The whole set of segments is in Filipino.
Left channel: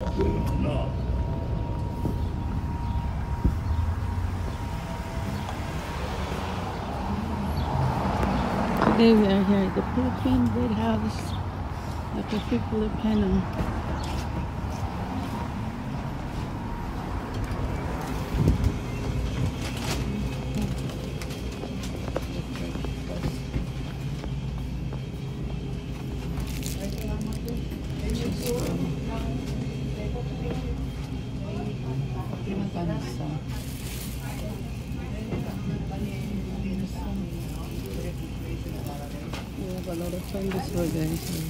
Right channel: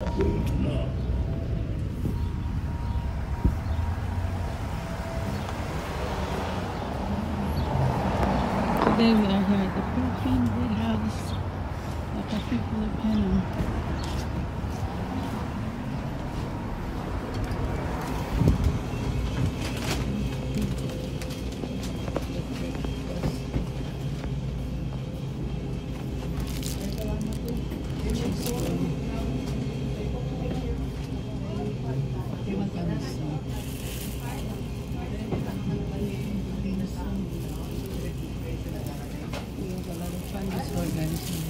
Today we are here at the Philippine Red House at the Filipino. A lot of fun this organization.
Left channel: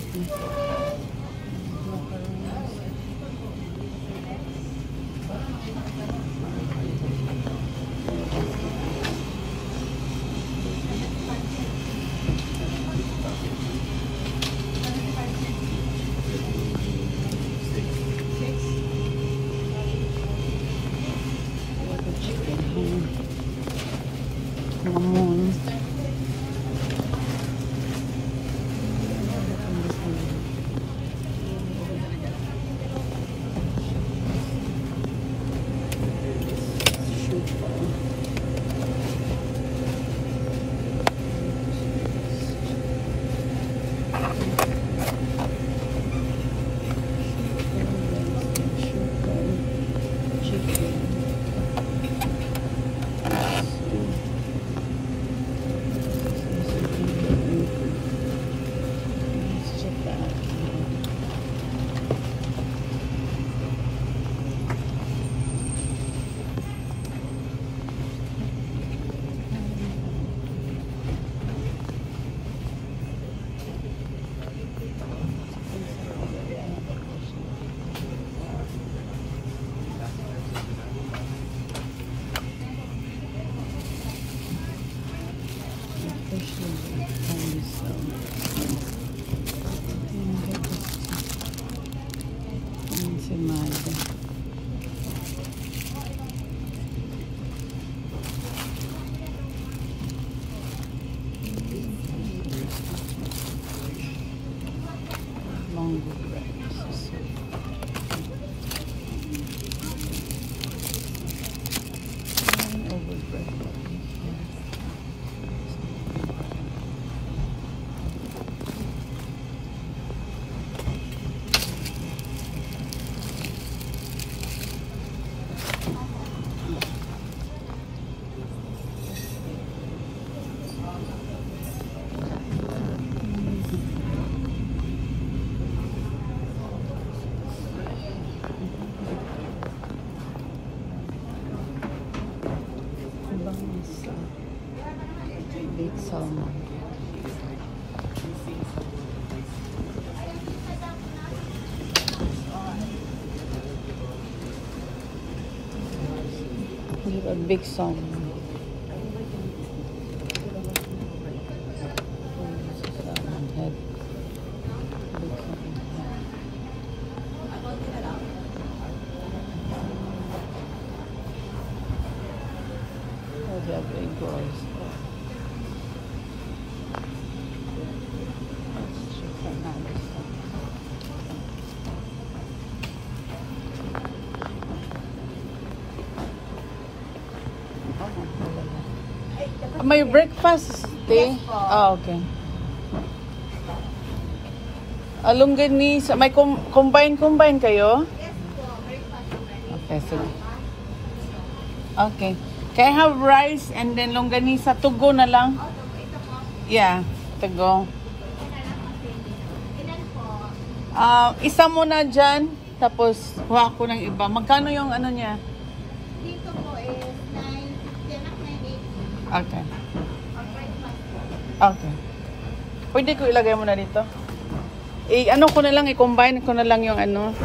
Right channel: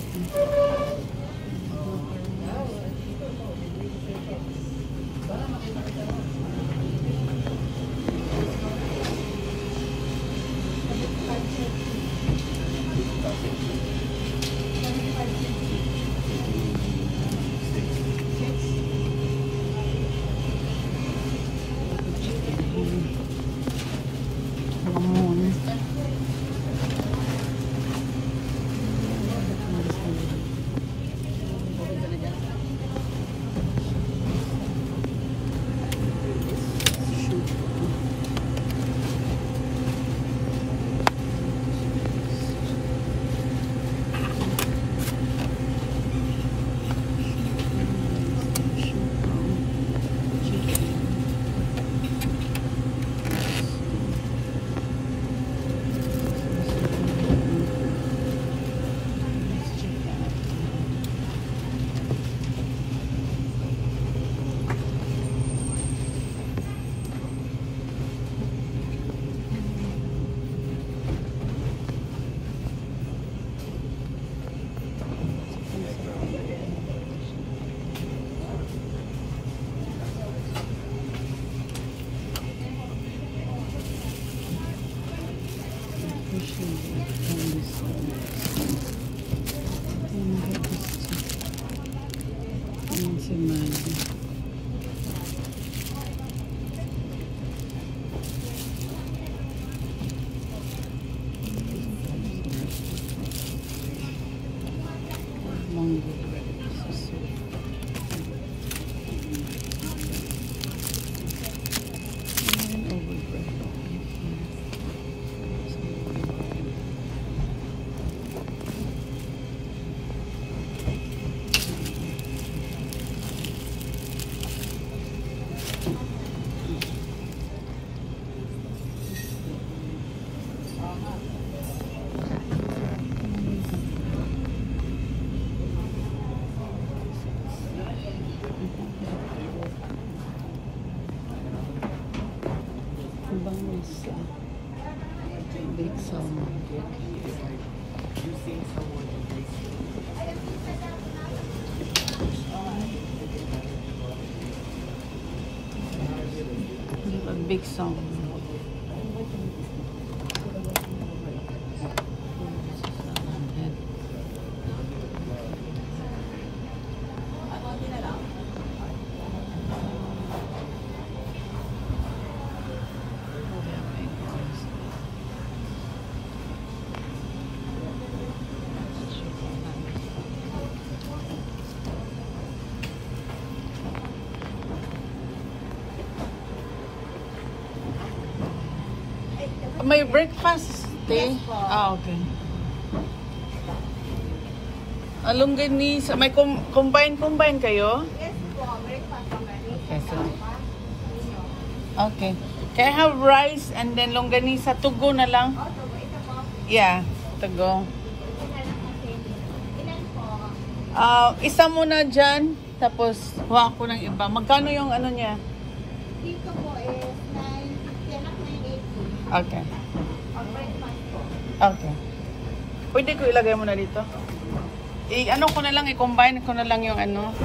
Big sound. Look at big sound. May breakfast tea? Ah, okay. Longganisa. May combine kayo? Yes po, breakfast. Okay, sige. Okay. Can I have rice and then longganisa? Tugo na lang? Oh, so ito po. Yeah, tugo. Ilan po? Isa muna dyan. Tapos, huwa ko ng iba. Magkano yung ano niya? Dito po is 9, 8. Okay. Or breakfast po. Okay. Pwede ko ilagay mo na dito? Ano ko na lang, i-combine ko na lang yung ano.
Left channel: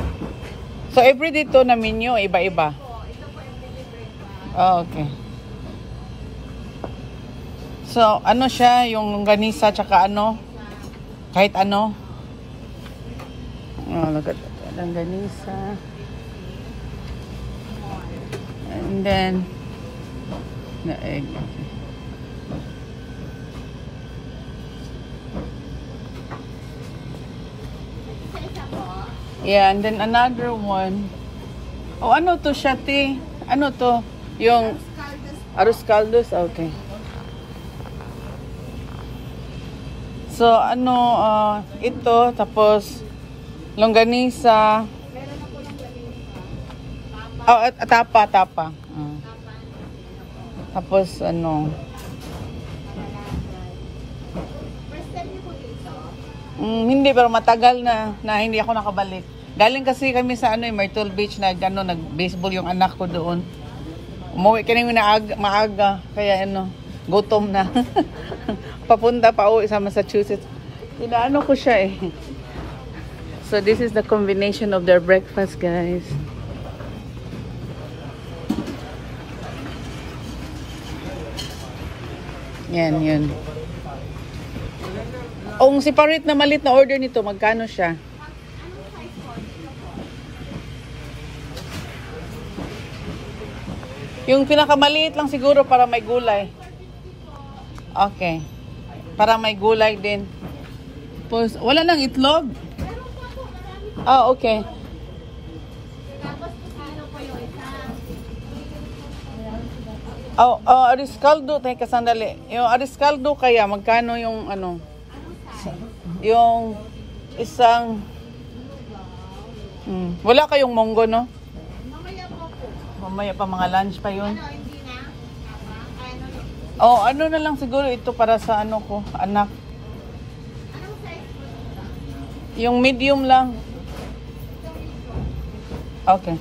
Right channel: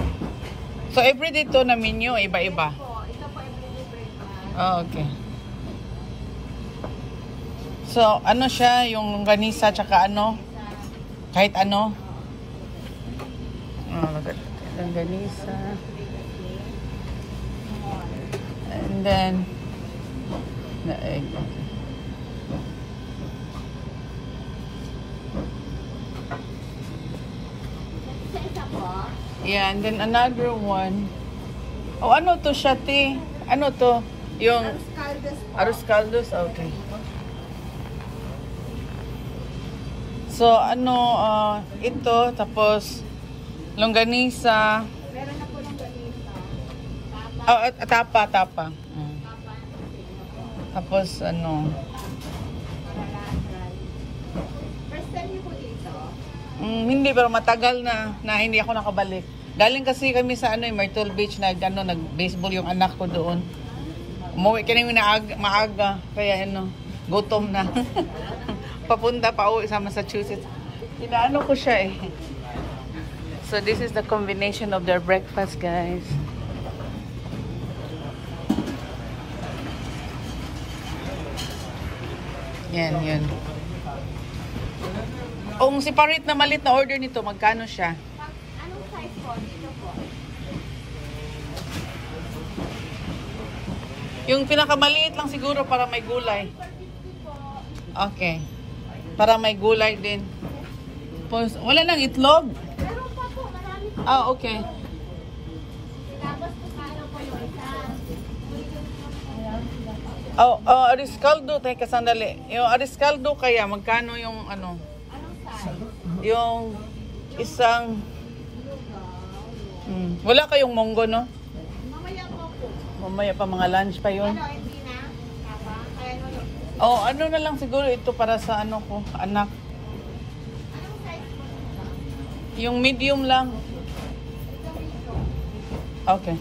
So, every dito na menu, iba-iba. Po, ito po yung mini breakfast. Oh, okay. So, ano siya, yung ganisa, tsaka ano? Kahit ano? Oh, look at that. Ang ganisa. And then, Isa-isa po. yeah, and then another one. one. Oh, ano to siya, te? Ano to? Yung Caldos po. arroz caldos? Okay. So, ano, ito, tapos, longganisa. Meron na po ng balita. Oh, tapa. Tapos, ano, First time niyo po dito? hindi, pero matagal na hindi ako nakabalik. Galing kasi kami sa Myrtle Beach, nag-baseball yung anak ko doon. Umuwi kami maaga, kaya gutom na. Papunta pa uwi sa Massachusetts. Inaano ko siya eh. So this is the combination of their breakfast, guys. Yan. Ang separate na malit na order nito, magkano siya? Anong size po? Dito po. Yung pinakamaliit lang siguro para may gulay. Okay. Para may gulay din. Tapos, wala nang itlog? Meron pa po. Marami po. Ah, okay. Tapos ano po yung isa? Ariscaldo. Teka, sandali. Yung ariscaldo kaya, magkano yung Anong size? yung isang... wala kayong monggo, no? Mamaya po po. Mamaya pa, mga lunch pa yun. Ano, hindi na? Tama? Ano? Oh, ano na lang siguro ito para sa anak. Anong size po dito? Yung medium lang. Okay.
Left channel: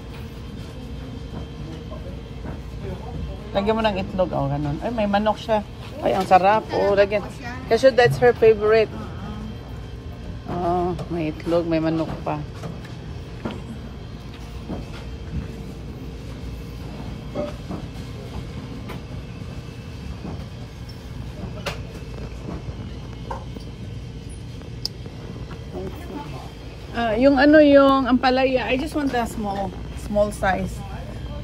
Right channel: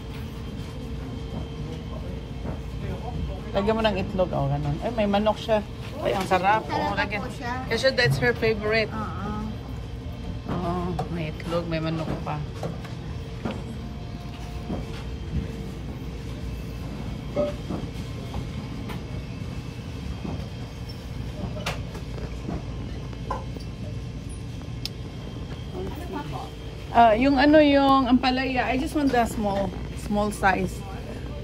Lagyan mo ng itlog. Oh, ganun. Ay, may manok siya. Ay, ang sarap. Oh, lagyan. Kasi that's her favorite. Oh, may itlog, may manok pa. Yung yung ampalaya, I just want the small size.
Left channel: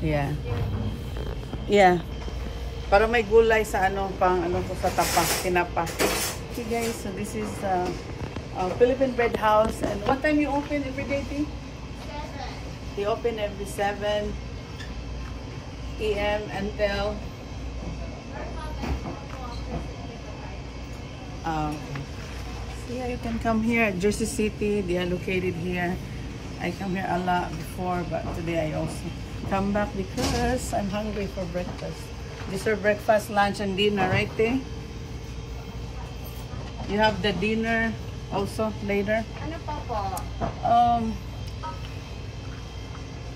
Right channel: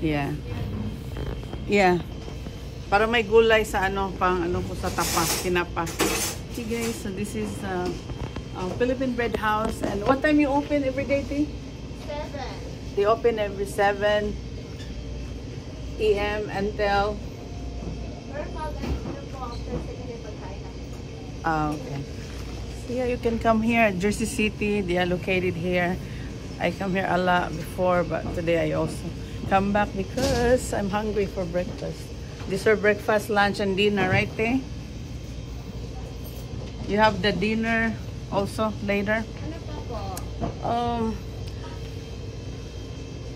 Yeah. Yeah. Para may gulay sa pang ko sa tinapa. Okay guys, so this is Philippine Bread House. And what time you open every day, T? 7. They open every 7 a.m. until... okay. Yeah, you can come here at Jersey City. They are located here. I come here a lot before, but today I also come back because I'm hungry for breakfast. These are breakfast, lunch, and dinner, right, T? You have the dinner also later. Ano pa po?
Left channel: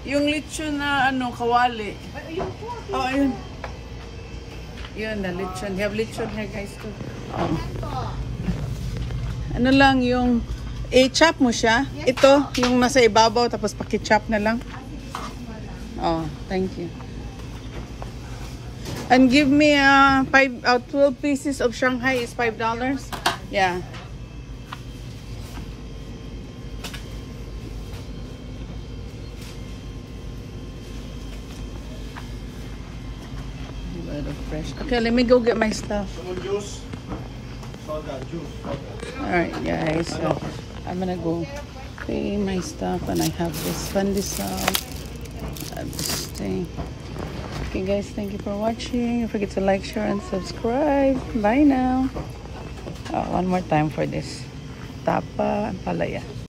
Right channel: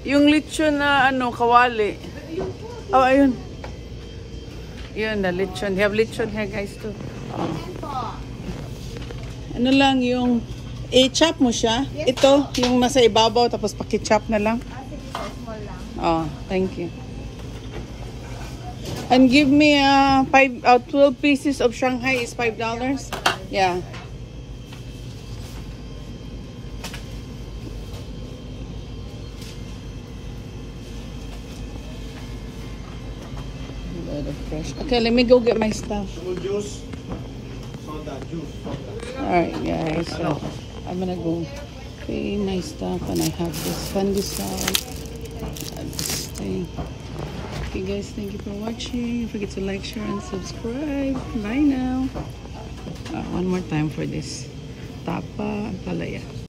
Yung lechon na kawali. Ayun po. Oh, ayun. Yun, the lechon. They have lechon here, guys, too. Oh. Ano po? Ano lang yung i-chop mo siya. Yes, Ito, yung nasa ibabaw, tapos paki-chop na lang. Sige po, small lang. Oh, thank you. And give me 12 pieces of Shanghai is $5. Yeah. Fresh. Okay, let me go get my stuff. Juice. Soda juice. Alright guys, so I'm gonna go pay my stuff, and I have this pandesal, this thing. Okay guys, thank you for watching. Don't forget to like, share, and subscribe. Bye now. One more time for this tapa and palaya.